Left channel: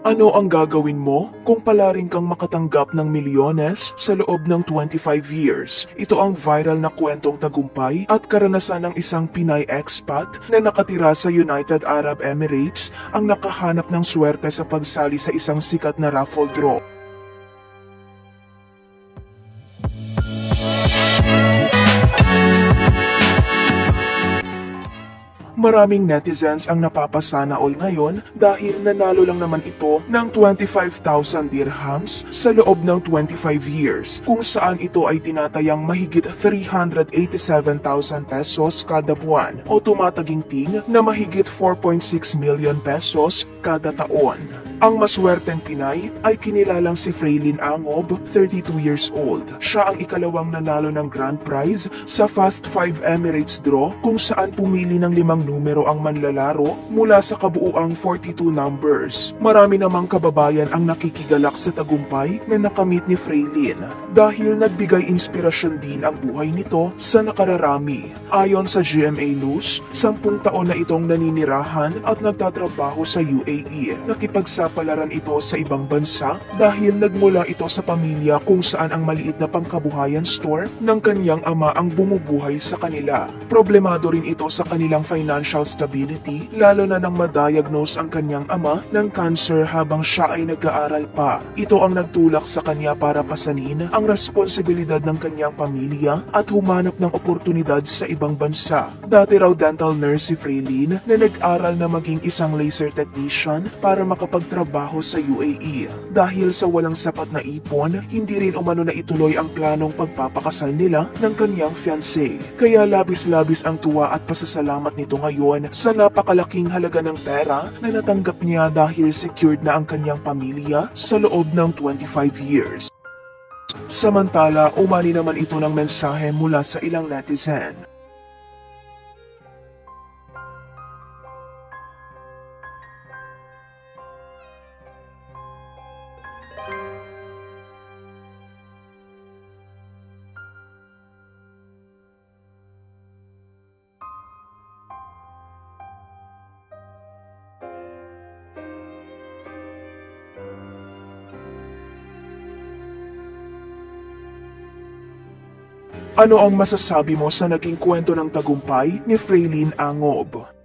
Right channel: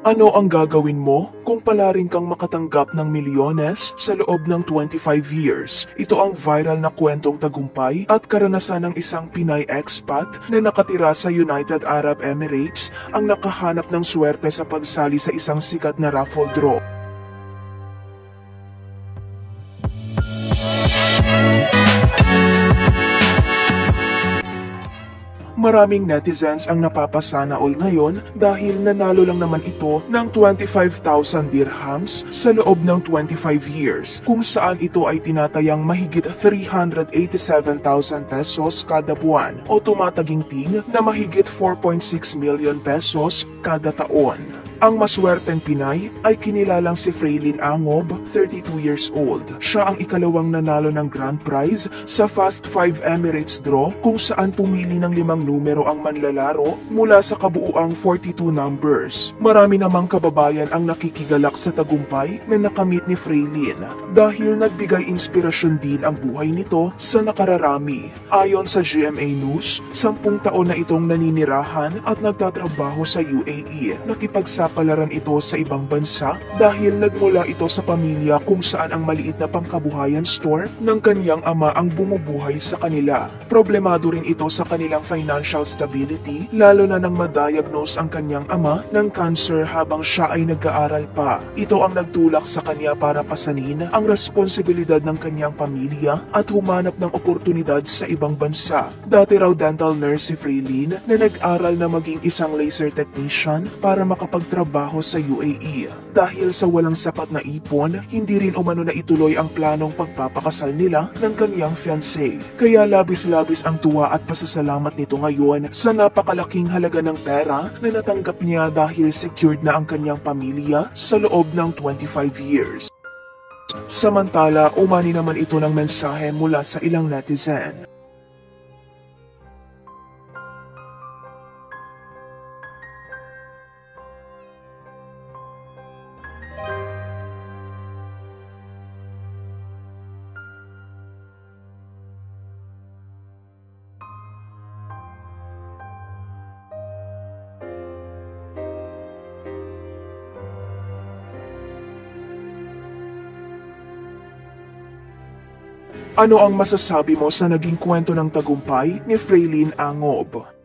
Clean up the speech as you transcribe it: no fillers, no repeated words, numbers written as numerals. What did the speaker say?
Ano ang gagawin mo kung palarin kang makatanggap ng milyones sa loob ng 25 years? Ito ang viral na kwentong tagumpay at karanasan ng isang Pinay expat na nakatira sa United Arab Emirates ang nakahanap ng swerte sa pagsali sa isang sikat na raffle draw. Maraming netizens ang napapasana all ngayon dahil nanalo lang naman ito ng 25,000 dirhams sa loob ng 25 years, kung saan ito ay tinatayang mahigit 387,000 pesos kada buwan o tumataginting na mahigit 4.6 million pesos kada taon. Ang maswerteng Pinay ay kinilalang si Fraylin Angob, 32 years old. Siya ang ikalawang nanalo ng grand prize sa Fast 5 Emirates draw kung saan pumili ng 5 numero ang manlalaro mula sa kabuuang 42 numbers. Marami namang kababayan ang nakikigalak sa tagumpay na nakamit ni Fraylin dahil nagbigay inspirasyon din ang buhay nito sa nakararami. Ayon sa GMA News, 10 taon na itong naninirahan at nagtatrabaho sa UAE. Nakipagsapalaran ito sa ibang bansa dahil nagmula ito sa pamilya kung saan ang maliit na pangkabuhayan store ng kaniyang ama ang bumubuhay sa kanila. Problemado rin ito sa kanilang financial stability, lalo na nang ma-diagnose ang kaniyang ama ng cancer habang siya ay nag-aaral pa. Ito ang nagtulak sa kanya para pasanin ang responsibilidad ng kaniyang pamilya at humanap ng oportunidad sa ibang bansa. Dati raw dental nurse si Fraylin na nag-aral na maging isang laser technician para makapagtrabaho sa UAE. Dahil sa walang sapat na ipon, hindi rin umano na ituloy ang planong pagpapakasal nila ng kaniyang fiancé. Kaya labis-labis ang tuwa at pasasalamat nito ngayon sa napakalaking halaga ng pera na natanggap niya dahil secured na ang kaniyang pamilya sa loob ng 25 years. Samantala, umani naman ito ng mensahe mula sa ilang netizen. Ano ang masasabi mo sa naging kwento ng tagumpay ni Fraylin Angob?